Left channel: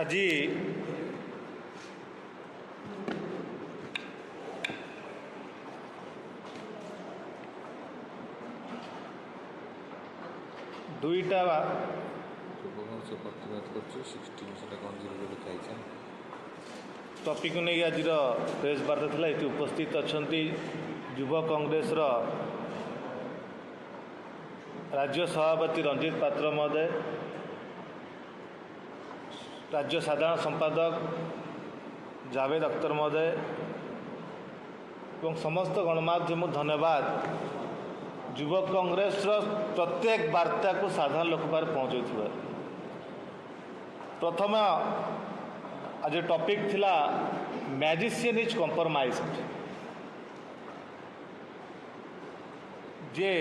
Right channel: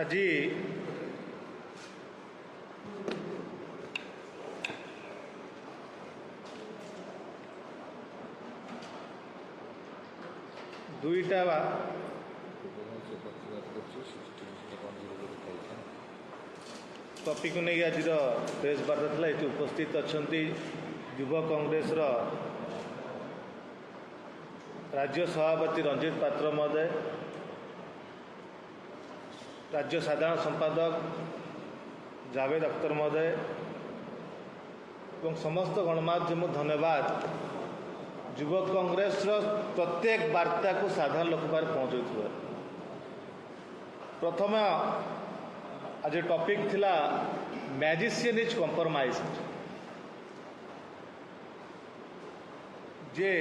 আজি দুইটা टॉपिक नहीं आज प्रेस वार्ता थी ये उपस्थित अच्छा युव कांग्रेस राज्य सभापति रंजित पात्र महोदय, राज्य साधारण संपादक जावेद अख्तर महोदय और समस्त गणमाध्यम धन्यवाद युव कांग्रेस प्रत्येक वार्ता को साधारण लोक पार पहुँचाई। प्रथम आज टॉपिक थिला magician is compromised. J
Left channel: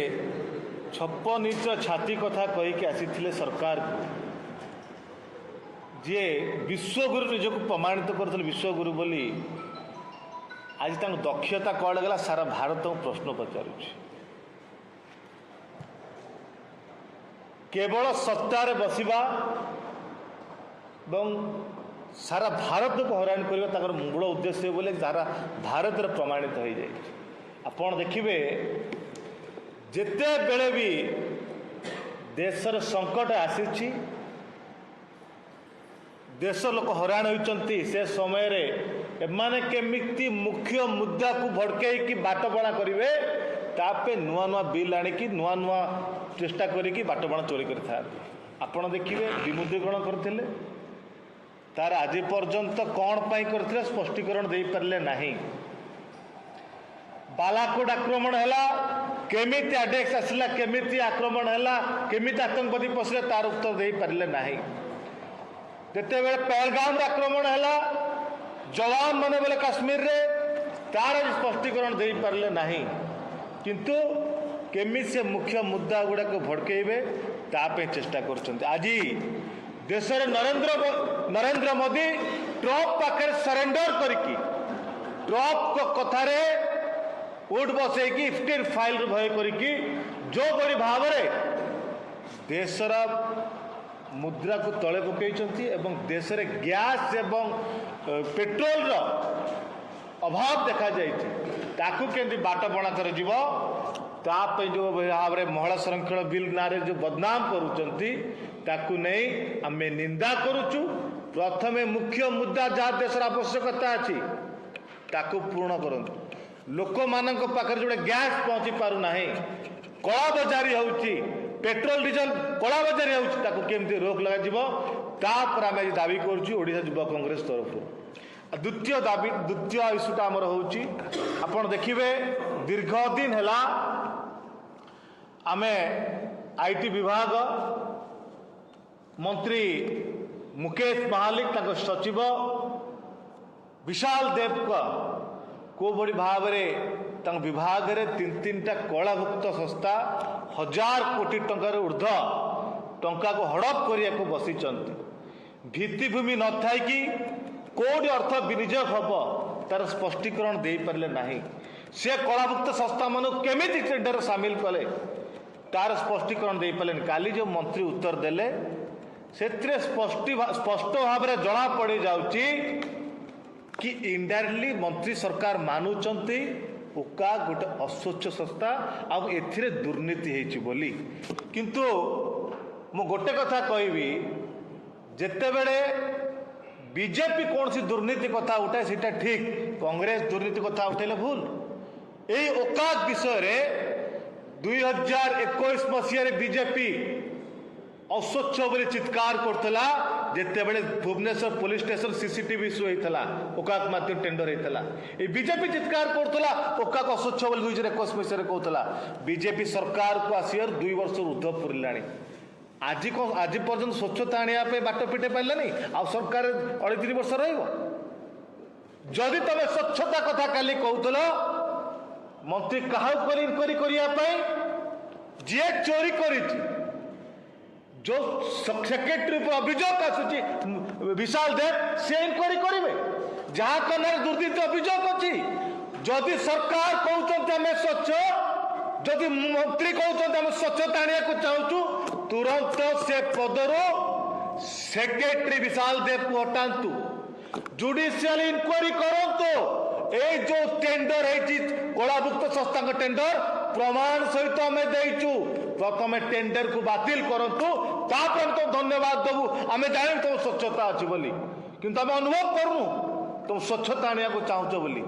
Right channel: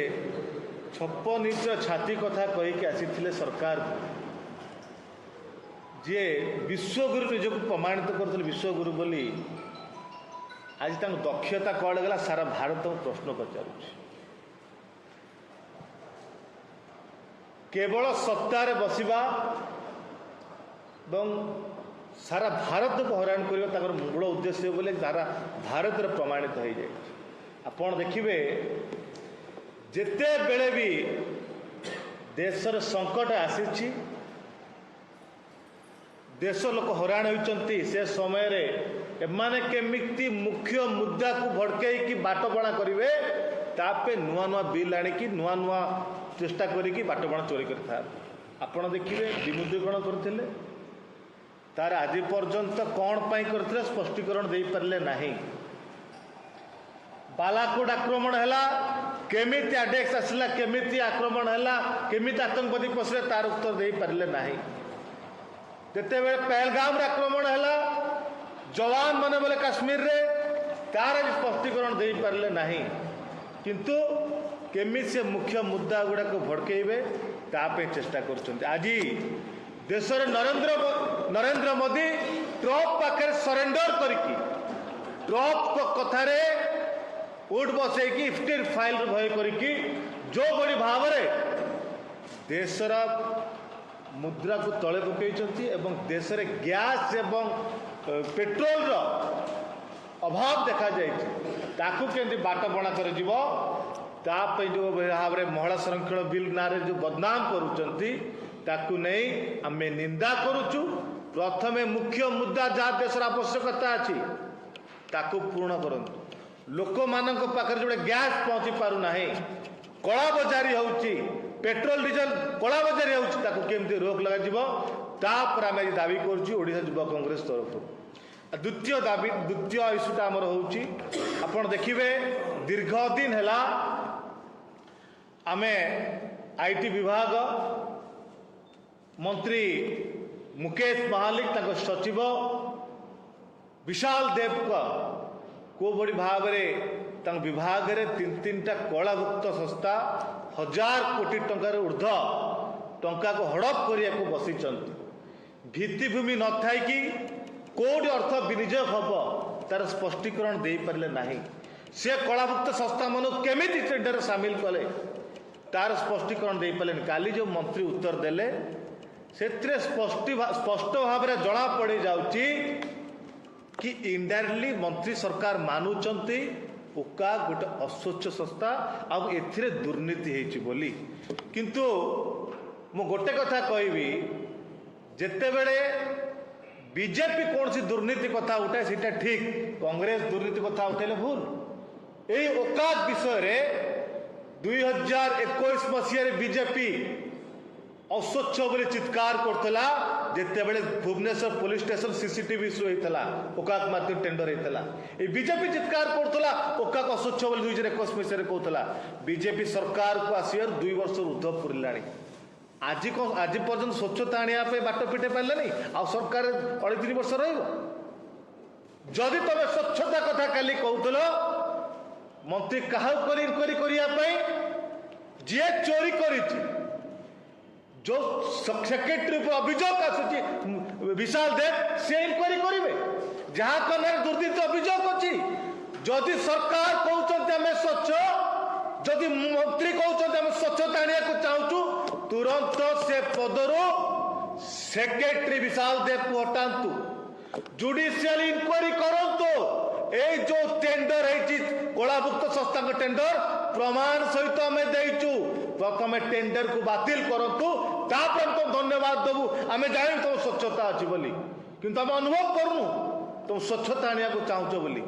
56 inch छाती कथा कहीकि आसी सरकार जे विश्वगुरु निजक प्रमाणित करते विश्वगुरु बोली आज तक दक्षता कौन गला सारा भारत को प्रश्न पचार केवल सत्तार बसवा सारा भारत को हैरान करने मूल उद्देश्य बोले सारा भारत प्रमाणित हो जाए। आपण देखिए जिते बेले भी देशर संकट आसी देश लोक हैरान होती से समय एमाने केमिति मुख्य मुद्दा को भड़कई बाटबणा करेंगे तापे नुआ नुआ बिल आणिकी नुआ नुआ चेष्टा करी बाटबणा चोरी करता। आपण देखिए विमुद्रीकरण करते तार आज पर्यंत कौन पाई करथिले स्पष्टीकरण दे पारले नाही। बालाकोट आक्रमण हैला केमिति अटैक्स आसला केमिति आक्रमण हैला केमिति आतंकवादी पसले तार उत्तर दे पारले नाही। जेते बेले पहलगाम आक्रमण हैला जवान माने बोले काश्मीर रे तार स्पष्टीकरण दे पारले नाही। किंतु केमिति से मुख्य मुद्दा गुडा को भड़केबे तापे चेष्टा करछन्ते। आज देशर नरेंद्र मोदी ट्रम्प पाखे सरेंडर करके ट्रम्प को कथारे उठ बसैकी स्टील फाइल भय करके जो बड़ी भाव देशर मुद्रा को तले पकई एवं देश में गैस एवं पेट्रोल अभाव देखा जाती बाटबणा कर जो भाव में महिला संरक्षण बिल ना जो बदनाम नहीं आम निंदा करुचु। प्रथमे मुख्य मुद्दा जहाँ देशर आवश्यकता अच्छी ताकू पूर्ण करंतु। लोक मान पाखे जो गैस पहुँची पारना कला बजारी होची पेट्रोल डीजेल कला बजारी होती रोक लगे आम दाबी करुचु ओडिशा युवा कांग्रेस तरफ। द्वितीय इश्यूटा आमर होची आपण देखिए दीर्घ दिन है आमे आईटी विभाग मंत्री मुकेश महालिक सचिव विशाल देव को बड़ी भाव में विभाग रे 3-3टा कलाभुक्त संस्था 1000 कोटी टंकार ऊर्ध टंका को हड़प करने को बसी भित्तिभूमि न थाई कि कौट अर्थ विनियोग हम तार स्पष्टीकरण दे पारे ना। से कलाभुक्त संस्था मान केमिति टेंडर सामिल कले तार स्पष्टीकरण दे पारे। काली जो मंत्री उत्तर देले से स्पष्ट भाव में जना पड़ जाउची कि इनडायरेक्टली मंत्री सरकार मानुचंती उका गोटे अस्वच्छ संस्था आउ एथिरे दुर्नीति हेची बोली। किंतु मु गोटे कथा कहबी जेते बेले बीजेपी कौन सी दुर्नीति कथा उठाए सीटा ठीक कांग्रेस दुर्नीति कथा उठाइले भूल। यही औकात विषय रे 2021 मसीह बीजेपी अस्वच्छ बोली चित्कार करतला जेते बेले Bhubaneswar police station CCTV issue होता औकात माध्यम टेंडर होता ये बीजेपी चित्कार करतला औकात अस्वच्छ बोली 2021 मसीह कहूला। बीजेपी सरकार को आसियार 2 वर्ष ऊर्ध्व पूरा आज पर्यंत स्वच्छता आने बाट पिटे पारे आ सरकार 3.5 वर्ष रही तुम स्वच्छता कथा काली कहूल मंत्री क्या जी चोरी कर जो सेक्रेटरी पर अभियोग आसूची विशाल देव से इनक्वारी करेंगे जहाँ कने दुर्नीति अभियोग अच्छी जदि सरकार कहते आम स्वच्छ जदि मंत्री कहते आम स्वच्छता आने को चाहूँ तुरंत से पदर सेक्रेटरी विशाल देव को हटातु जुडिशियल इंक्वारी करंतु ए जो टेंडर है कलाभुक्त संस्था टेंडर प्रमाण सहित आम देचु प्रथम टेंडर को बातिल करंतु तापर तुम धन्यवाद देबू आम जान तुम स्वच्छता अच्छी बोली किंतु आम अनुभव करूँ तुम स्वच्छता आने को चाहूच बोली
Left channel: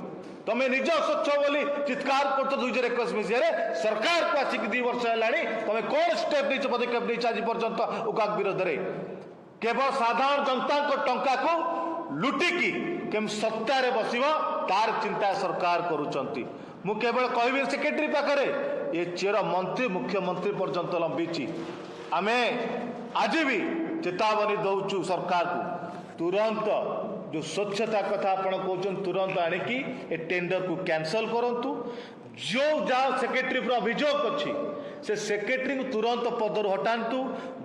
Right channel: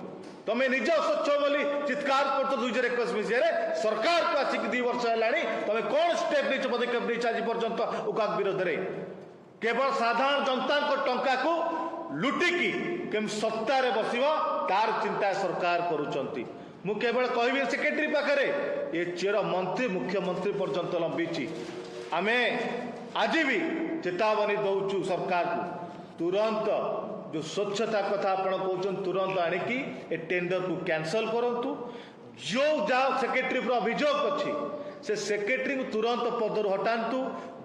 तुम निज स्वच्छ बोली चित्कार कर 2021 मसीह सरकार को आसिक 2 वर्ष है तुम कौन स्टेप नहीं पदक्षेप नहीं आज पर्यंत उकाक विरोध में केवल साधारण जनता टंका को लुटिकी केम सत्तार बस तार चिंता सरकार करुँच मु केवल कहबी सेक्रेटरी पाखे ये चेर मंत्री मुख्यमंत्री पर्यंत लंबी आमे आज भी चेतावनी दौचु सरकार को तुरंत जो स्वच्छता कथा आपण कहते तुरंत आणिकी ए टेंडर को कैंसल करंतु जो जाओ सेक्रेटरी पर अभियोग अच्छी से सेक्रेटरी को तुरंत पदर हटातु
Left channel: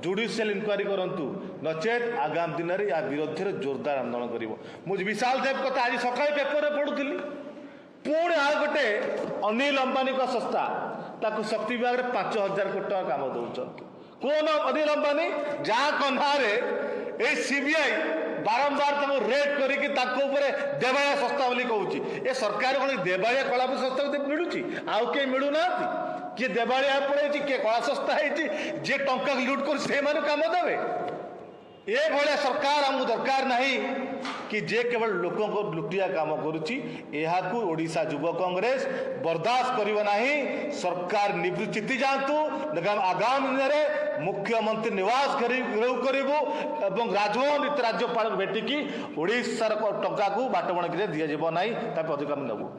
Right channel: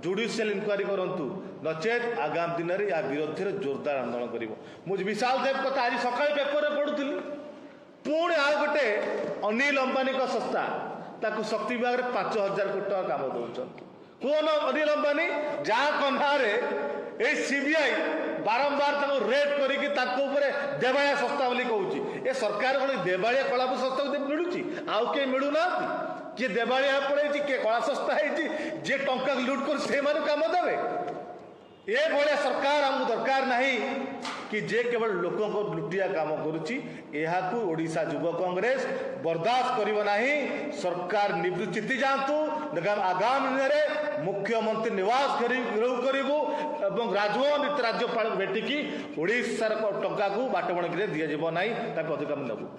जुडिशियल इंक्वारी करंतु नचेत आगामी दिन में या विरोध में जोरदार आंदोलन कर मुझे विशाल देव कथा आज सका पेपर में पढ़ुली पुणी आ गोटे अनिल अंबानी का संस्था ताकू शक्ति विभाग में 5,000 कोटी टका काम दौरान कौन अनिल अंबानी जहाँ कन्हारे सीबीआई बारंबार रेड करके देवाया संस्था बोली कहूँ ए सरकार कौन देवाया कला संस्था मिलूँ आउ कहीं मिलूना किए देवाया पड़े किए कला संस्था है जी टंका लुट कर से काम देवे ये भाया सरकार आमको दरकार नहीं कि जे केवल लोकों को लुटिया काम करुच्ची को ओडिशा युव कांग्रेस बर्दाश्त करिव नहीं सरकार निवृत्ति जातु आगामी दिन में मुख्यमंत्री निवास घेराव करूँ एवं राजभवन राज्यपाल भेटिकी ओडिशार टंका को बाटबणकी दिजाव ना पदक्षेप नेबू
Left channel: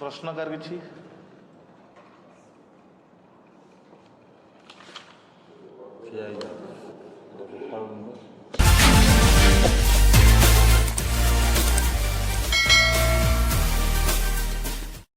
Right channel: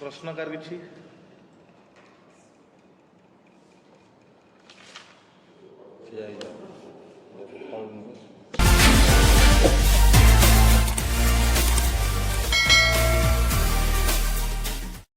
प्रश्नकार किसी